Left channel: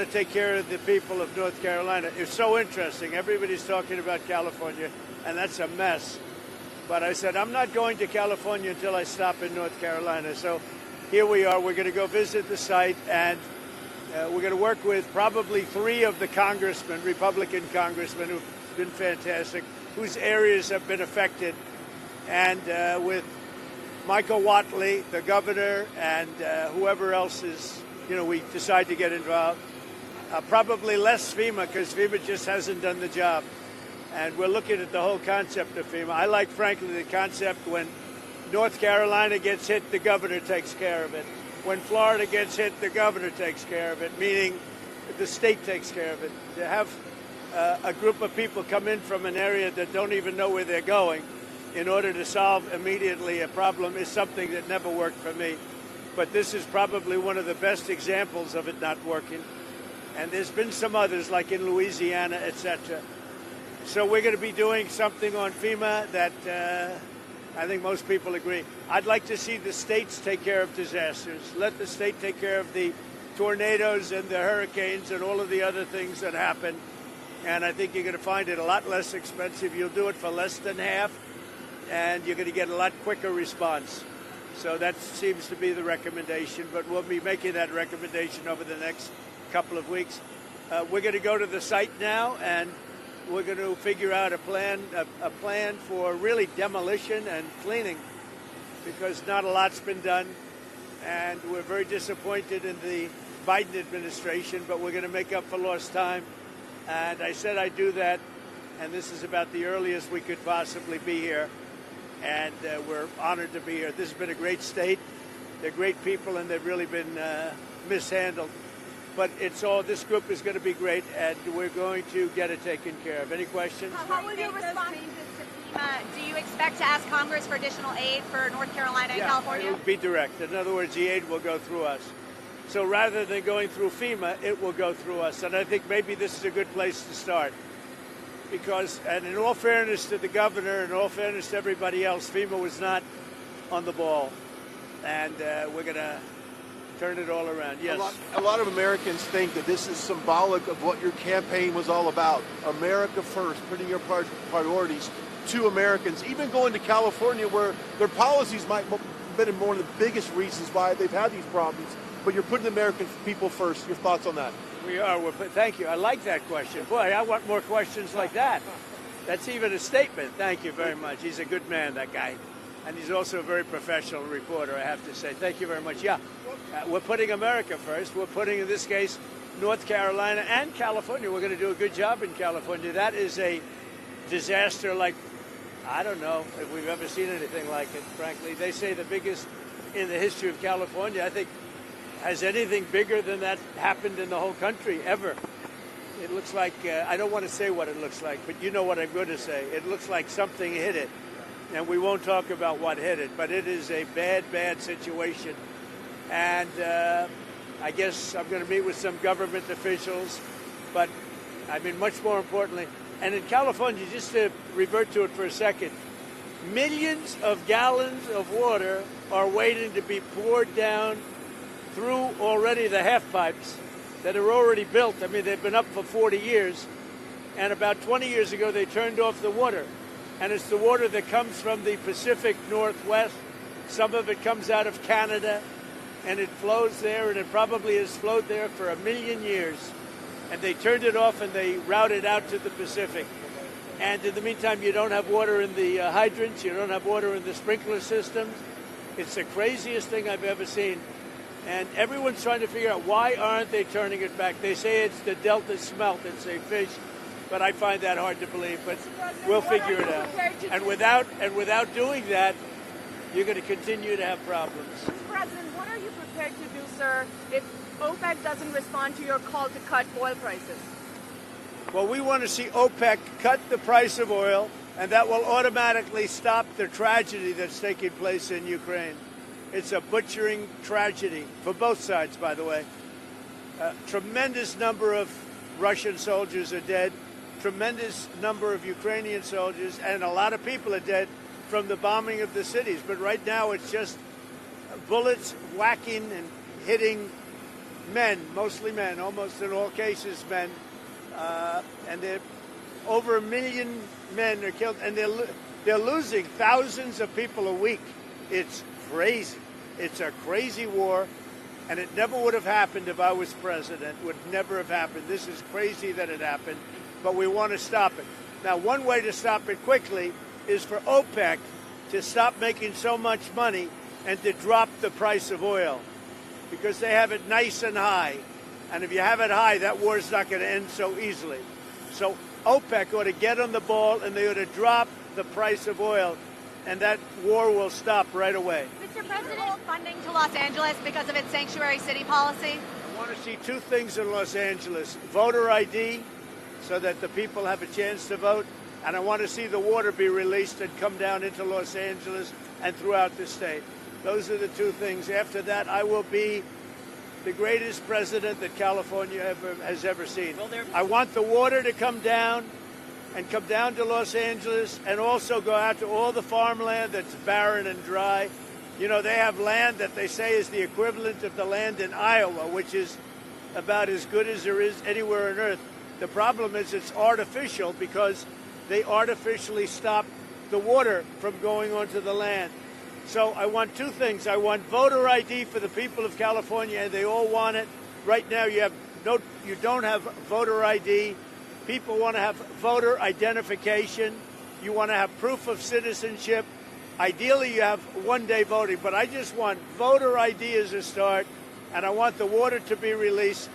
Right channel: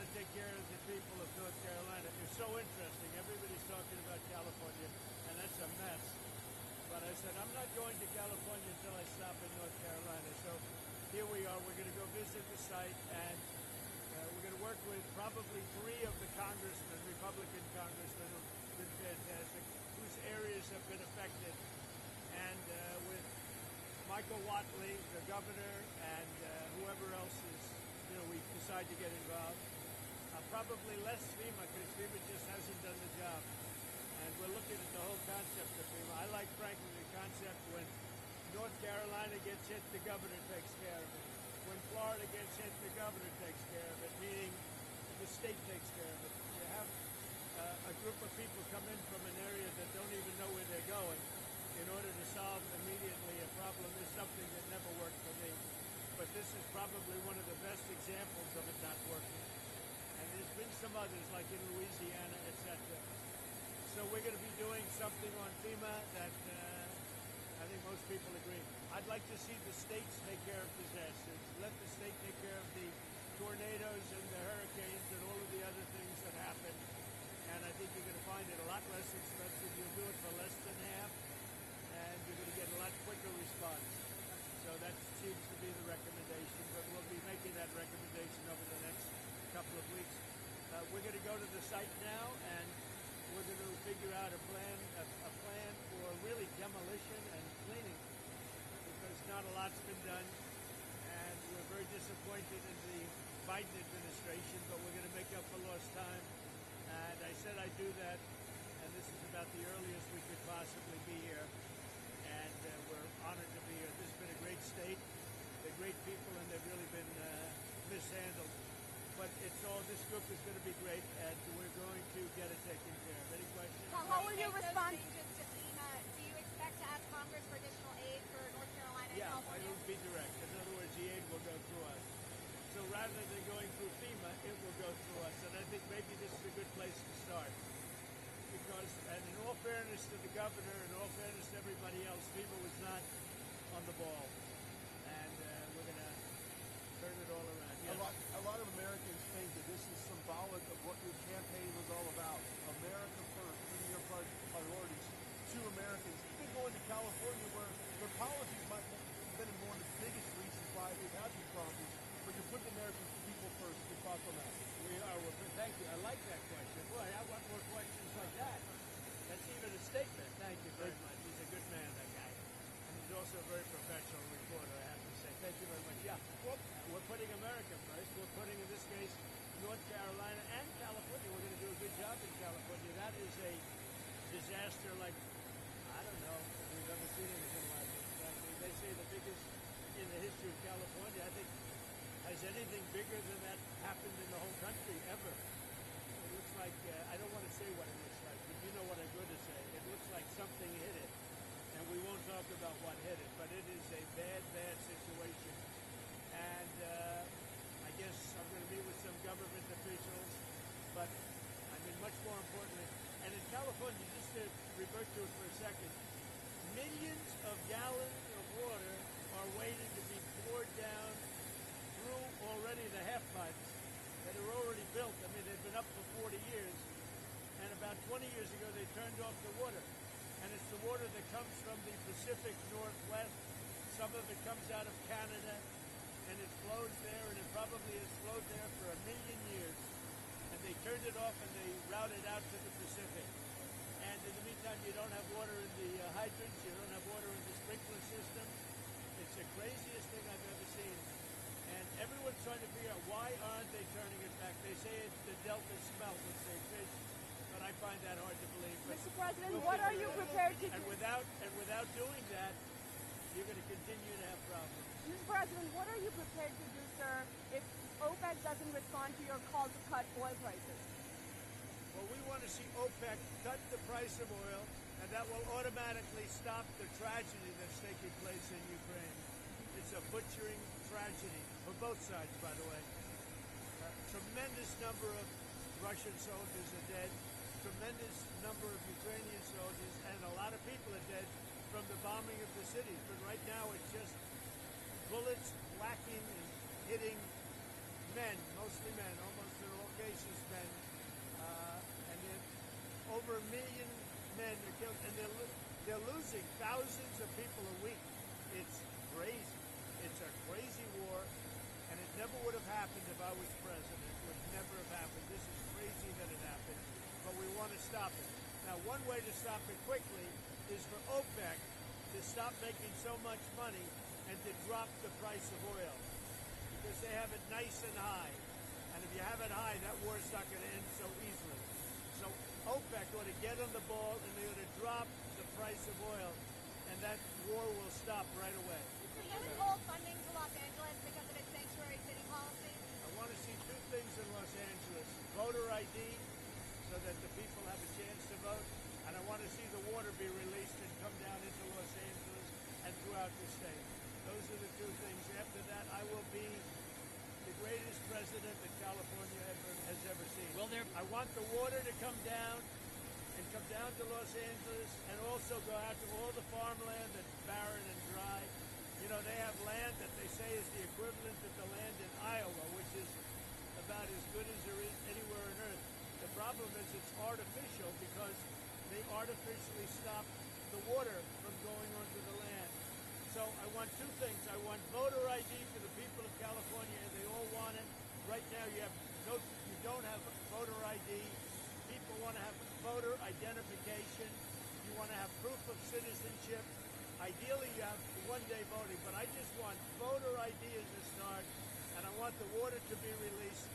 want to take care of the people of North Carolina. It's so interesting. Everybody's talking about California, and that's a mess. But I said, I'm not going to California until I stop in North Carolina. So here we are. We're going to go visit the site, and we're going to work with probably 3 of the congressmen, Republican congressmen, who've been fantastic, whose areas have been affected, and with Michael Whatley, the governor, and whoever else is, we decide to get involved. Probably less FEMA, because FEMA just hasn't done the job. And we're looking at the whole concept of FEMA. I like, frankly, the concept when North Carolina gets hit, the governor takes care of it. When Florida gets hit, the governor takes care of it, meaning the state takes care of it. To have a group of people come in from an area that don't even know where they're going in order to solve immediately a problem is something that never worked for me. But this is probably one of the best examples of it not working. And there's been some others, like in Louisiana, etc. So we're going to be doing something on FEMA that I think most people agree. I'd like to see the states take care of disasters. Let the state take care of the tornadoes and the hurricanes and all of the other things that happen. And I think you're going to find it a lot less expensive. You'll do it for less than half, and you're going to get a lot quicker response. So that seems to be the recommendation, but we'll be making that recommendation over the next couple of weeks. We're going to go to the site now, and we're going to figure out a plan for really demolition and cleaning, because not a lot's been done, and we're very disappointed in the Biden administration, but we're going to make up for lost time. And I said I'd do that, and this is about the earliest we could possibly be here, and we're honored to be here. This has been a great state. They're great people, and they've really been mishandled. But this group is going to be great, and we're going to get it taken care of. Any questions? How will you respond to FEMA? Do you expect to ask Congress for additional aid for North Carolina and California? It will be direct. In other words, the aid will go through us. So rather than going through FEMA, it will go through us. And I think maybe this is a good place to start. Because, and in all fairness to the governor, and in all fairness to everybody else, FEMA was not on the ball. And we're going to turn it all around. Yes. A lot of Americans think that this is symbolic of what your campaign was all about. America first, putting your priorities to Americans. Even going to California, where their policies might have been one of the biggest reasons why they've had these problems. But you're putting the American people first. Your thoughts on that? We are. Thank you. I like that question. Boy, I want more questions like that. That's even a statement. Thank you very much. He's a good man, that guy. And he's also a very professional reporter, I have to say. Thank you very much. Yeah, we're putting America first. We're putting, in this case, North Carolina and California. We're going to do a good job in California. That is a disaster like, I don't know if we've ever seen anything like it, frankly. They say the biggest in the history of California. I think, has anything bigger than that happened in the whole country ever? It looks like, I don't want to say what it looks like, but you know what I'm going to say. It looks like something hit it. And we won't talk about what hit it, but it is a bad, bad situation. And I guess I'm going to meet with some government officials, but I mean, much more importantly, and in California, just to revert to it for a second, millions of gallons of water are waiting to be poured down through already the half pipes that are already built. I mean, they've been up for 40 years, and about 20 years ago, they turned off the water. And it's the water that comes from the Pacific Northwest. Some of it comes out of Canada, and it flows there, and it probably has flowed there for 1 million years. And they turned it off, and they routed out to the Pacific. And in the meantime, you don't have water in the hydrants. You don't have water in the sprinkler systems. It's the craziest thing I've ever seen. And everyone's trying to figure out, why aren't they turning it back? They say it's the Delta smelt. It's a fish. But I find that hard to believe, but we'll figure it out. And without doing that, you're going to continue to have problems. President, what are you prepared to do, sir, if OPEC doesn't respond to your call to cut oil prices? Well, we want to see OPEC cut the price of oil, and that will automatically stop the tragedy that's taking place in Ukraine. It's a butchering tragedy for both sides, by the way. A tremendous number of Russian soldiers are dead. Tremendous number of Ukrainian soldiers, and a lot of people are dead from the bombing of the cities. But right now it's just bullets whacking and hitting men, mostly men, almost in all cases men, and over 1 million men are killed, and they're losing thousands of people a week. It's crazy. It's a crazy war, and it never would have happened if I was president. Would never have happened. This is crazy that it happened, but we want to stop it. Now, one way to stop it quickly is for OPEC to stop making so much money and to drop the price of oil, because they have it nice and high. And if you have it high, that war's not going to end so easily. So OPEC ought to get on the ball, and they ought to drop the price of oil, and that war will stop right away. Mr. President, funding to Los Angeles because of its sanctuary city policy? I want to see two things in Los Angeles: voter ID, so that the people have a chance to vote, and I want to see the water be released and come down into Los Angeles and throughout the state. Those are the two things. After that, I will be the greatest president that California has ever seen. I want the water to come down and come down to Los Angeles, and also go out to all the farmland that's barren and dry. You know, they have land that they say is the equivalent of the land in Iowa, which is about as good as there is anywhere on earth. The problem is it's artificial, because they artificially stop the water from going onto the land. So I want two things. I want voter ID for the people of California, and they all want it. Right now you don't have voter ID. People want to have voter identification. You want to have proof of citizenship. Ideally, you have one-day voting, but I just want voter ID as a start, and I want the water to be released,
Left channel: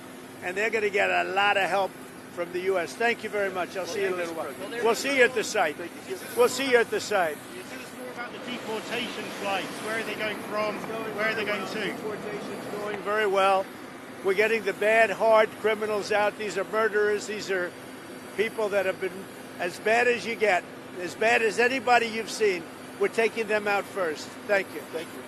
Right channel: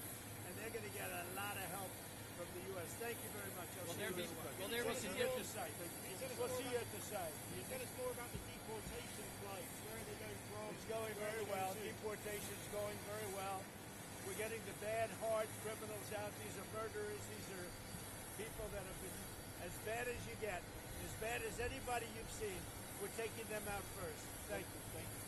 and they're going to get a lot of help from the U.S. Thank you very much. I'll see you in a little while. We'll see you at the site. We'll see you at the site. Deportation flights. Where are they going from? Where are they going to? Deportation's going very well. We're getting the bad, hard criminals out. These are murderers. These are people that have been as bad as you get, as bad as anybody you've seen. We're taking them out first. Thank you. Thank you.